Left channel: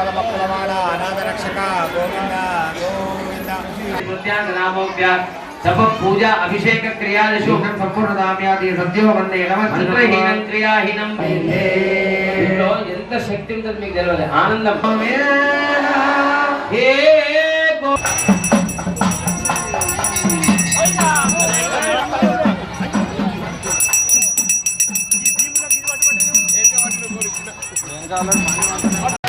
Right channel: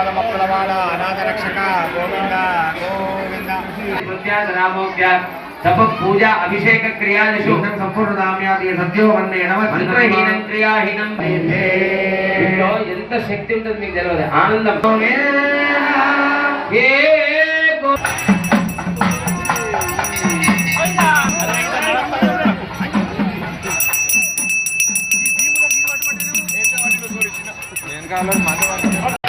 పరమప్లవాల అనాథరక్షక గోవింద గోవింద. తప పూజ అభిషేక క్రియాదిషు సంపూర్ణ నామ్యాది సద్యో వన్నే నమ చిత్రహీనం క్రియాహీనం ఎంత శక్తి ఉంటుంది మీకు తెలియదు. ఆనందంతో వెనకాల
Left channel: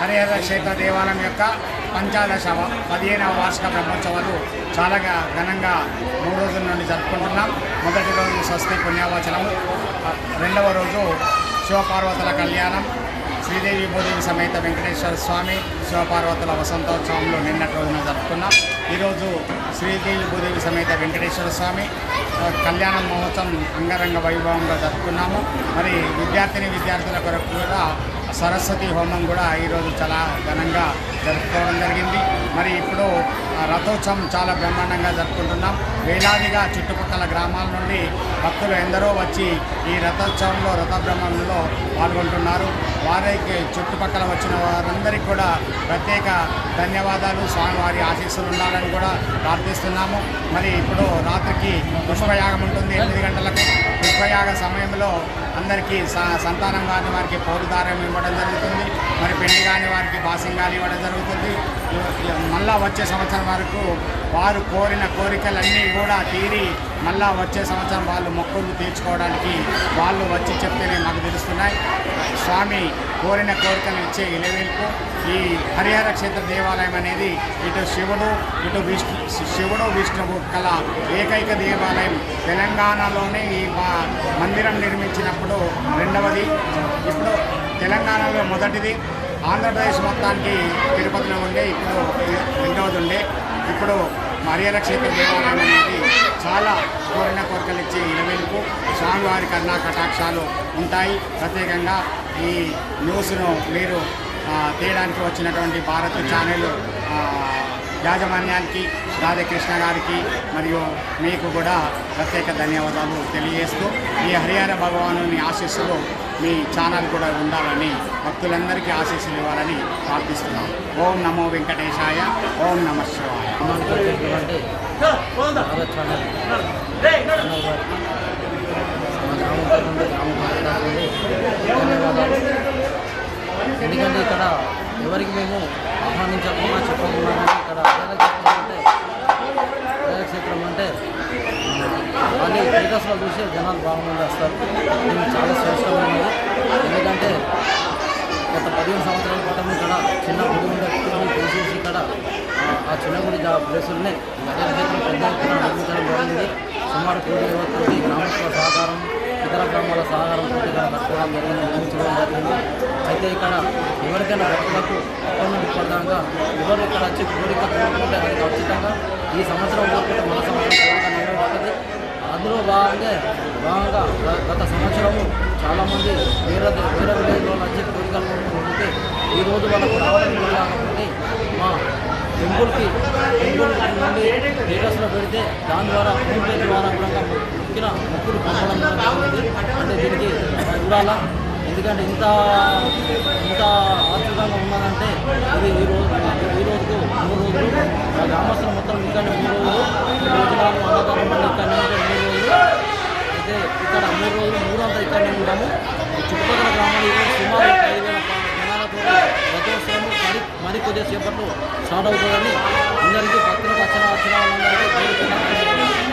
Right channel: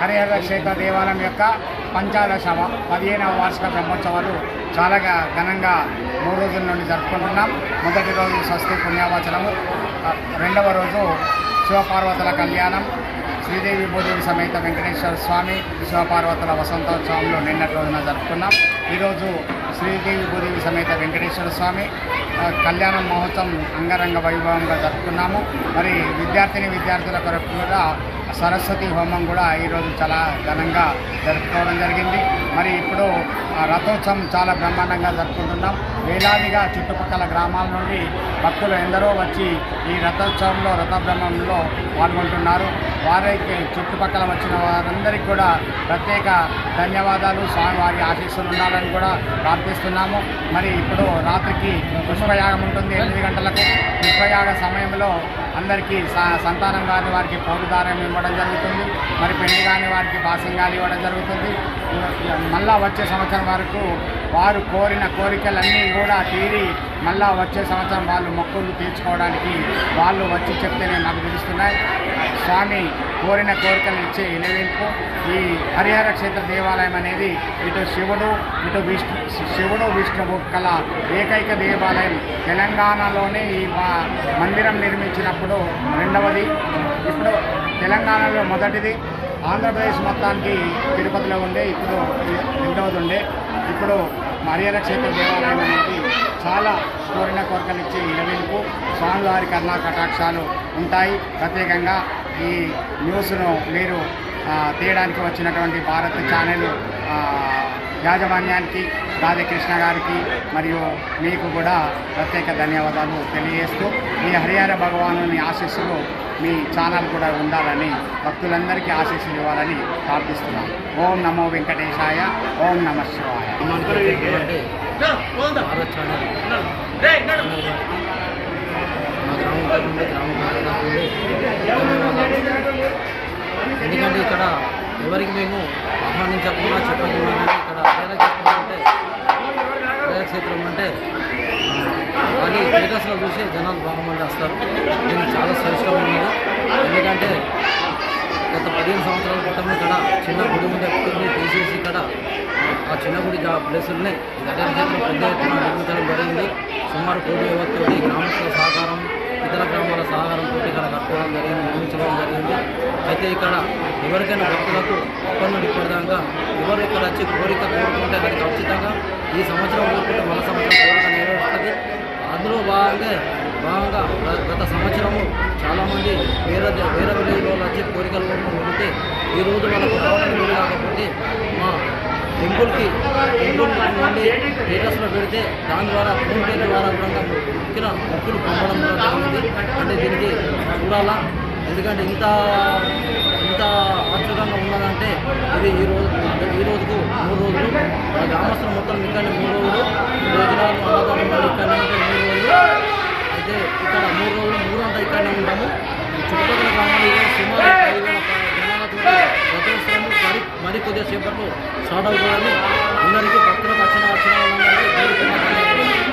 హరిహర క్షేత్ర దేవాలయం యొక్క పంచాదశ పదిహేనవ వార్షిక బ్రహ్మోత్సవాలు చాలా ఘనంగా మూడు రోజుల నుండి జరుపుకుంటున్నాం. మొదటి రోజు స్వస్తి పుణ్యావచనము. రెండవ రోజు శివపార్వతుల కళ్యాణం. శ్రీదేవి భూదేవి సమేత వెంకటేశ్వర స్వామి శివపార్వతుల వసంతోత్సవంలో నిన్నటి రోజున జరుపుకున్నాం. ఈరోజు శ్రీదేవి భూదేవి సమేత వెంకటేశ్వర స్వామి కళ్యాణ మహోత్సవం అంగరంగ వైభవంగా జరుపుకున్నాము. మరి విద్యార్థిని విద్యార్థుల కొరకు కూడా సరస్వతి హోమం కూడా ఈరోజు చాలా ఘనంగా జరుపుకోవడం జరిగింది. మరి ఇప్పుడు రథోత్సవం చాలా బ్రహ్మాండంగా జరుపుకుంటున్నాం. వేలాదిగా చుట్టుపక్కల గ్రామాల నుండి భక్తులు ఎందరో వచ్చి ఈ రథోత్సవంలో రథబ్రహ్మంలో పాల్గొంటున్నారు. వారికి చుట్టుపక్కల వచ్చిన వారందరికీ కూడా ప్రత్యేక ధన్యవాదాలు. స్వామివారి ఆశీస్సులు ఉండాలని కూడా ప్రార్థిస్తున్నాము. మరి ఇప్పుడు రాత్రికి పుష్పయాగం ఉంటుంది ఎనిమిది గంటలకు. పుష్పయాగ సమయంలో అందరికీ స సంతానం కాని వారికి పౌరుదారం ఇవ్వడం జరుగుతుంది. మరి పెళ్ళి కాని వారికి బాసింగాలు ఇవ్వడం జరుగుతుంది. మళ్ళా వచ్చే సంవత్సరం వరకు వారు కోరిన కోరికలన్నీ కూడా తీరి మళ్ళా వచ్చే సంవత్సరం వాళ్ళు మొక్కులు తీర్చుకోవడానికి వాళ్ళు వచ్చి చెప్తేనే మాకు తెలుస్తున్నాయి. స్వామి కోరిన కోరికలు ఇచ్చే ఇలవేల్పు ఈ హరిహర క్షేత్ర దేవాలయం అనేది ఇటు శివుడు ఇటు విష్ణు శివుడు విష్ణువు కల ఏకైక దేవాలయం తెలంగాణలోనే ఈ మా- మందిరం నిర్మించినప్పుడు రెండవది ఇప్పుడు తెలంగాణలో మొదటిది ఆంధ్రప్రదేశ్ మొత్తానికి తిరుపతిలో ఉండే ఇప్పుడు రెండవది ఉండే. ఇప్పుడు హరిహర క్షేత్ర దేవాలయం అనేది చాలా కోరిన కోరికలు ఇచ్చి ఇరవేలకు స్వామివారి కన్నా కటాక్షాలు ఉంటాయి. ప్రత్యేకంగా ఈ న్యూస్ను మీరు తీయడానికి వచ్చినటువంటి భారత్ ఛానల్ యాజమాన్యానికి రాధాకృష్ణ గారికి మరియు మీకు కూడా ప్రత్యేక ధన్యవాదాలు తెలియజేస్తూ మీ హరిహర భగవానుని ఆశీస్సులు మీ ఛానల్ కూడా ఉండాలని భక్తులందరికీ ఆశీస్సులు ఇవ్వాలని ప్రార్థిస్తున్నాం. ఓం నమో వెంకటేశాయ ఓం నమ శివాయ. మా గ్రామం తరఫు గ్రామ ధన్యవాదాలు. ఎందుకంటే ఇక్కడ ఎవరికి మేము ఆహ్వానించకుండా చెప్పకుండా కానీ ఇక్కడ అధ్యయన చెప్పాలంటే క్షేత్రం అంటే కానీ క్రీడస్లో చూసి జనాలు బాగా మంది వస్తారు. దీనికి చాలా శ్రేష్టం ఉన్నది ఎందుకంటే గత పదిహేను సంవత్సరాల క్రితం ఇక్కడ చిన్న గుడి ఉండే గుడిని తీసేసి ఇక్కడ ఆ, చిన్న గుడి ప్లేసుల్ని ప్లేసులనే గజల క్షేత్రం పెద్ద ఎత్తున నిర్మించడం జరిగింది. సుమారు కోటి యువతోటి గ్రామస్తుల సహకారం ఇతర గ్రామాల సహకారంతో ఇక్కడ కట్టుకోవడం జరిగింది నిర్మించడం జరిగింది. అయితే ఇక్కడ ఎవరికైనా భక్తులకు ఇప్పటి నుండి ఇప్పటిదాకా ఎవరు ఇక్కడ వచ్చి కోరిక కోరుకుంటే అది ఖచ్చితంగా ఈ సంవత్సరం కోరుకుంటే మన సంవత్సరం కోరిక నెరవేరుస్తుంది అందులో భాగంగా భాగంగా గత సంవత్సరము చాలామంది వేరే వేరే విలేజ్ వాళ్ళు వచ్చి కోరికలు కోరుకొని వెళితే ఈ రోజు వాళ్ళకు రావడానికి కాకపోతే మా టెంపుల్కి టెంపుల్ నుండి స్టేటస్లో పెడితే దాని ద్వారా ఫోన్పే ద్వారా కూడా మొక్కిన మొక్కులు పంపడం జరుగుతుంది. అంటే దీనికి చూడాలా? ఎందుకంటే ఇంత ఇంత ఆశ్చర్యంగా ఉన్నదంటే ఇది ఈ రోజు ఈ రోజుకు మూడు రోజులు ఆ గ్రామస్తులు మొత్తం ఇక్కడనే మూడు రోజులు భోజనాలు అన్నదానం మళ్ళీ ఇక్కడనే ఉంటే మూడు రోజులు. అయితే ఇక్కడ మూడు రోజులు మూడంతా ఇక్కడనే ఉంటాము. చుట్టుపక్కల గ్రామాలు సుమారు ఐదు మరి మరి కొద్దిసేపట్లో స్టార్ట్ అవుతుందని అందరికీ భక్తులకు వచ్చిన వచ్చిన వాళ్ళందరికీ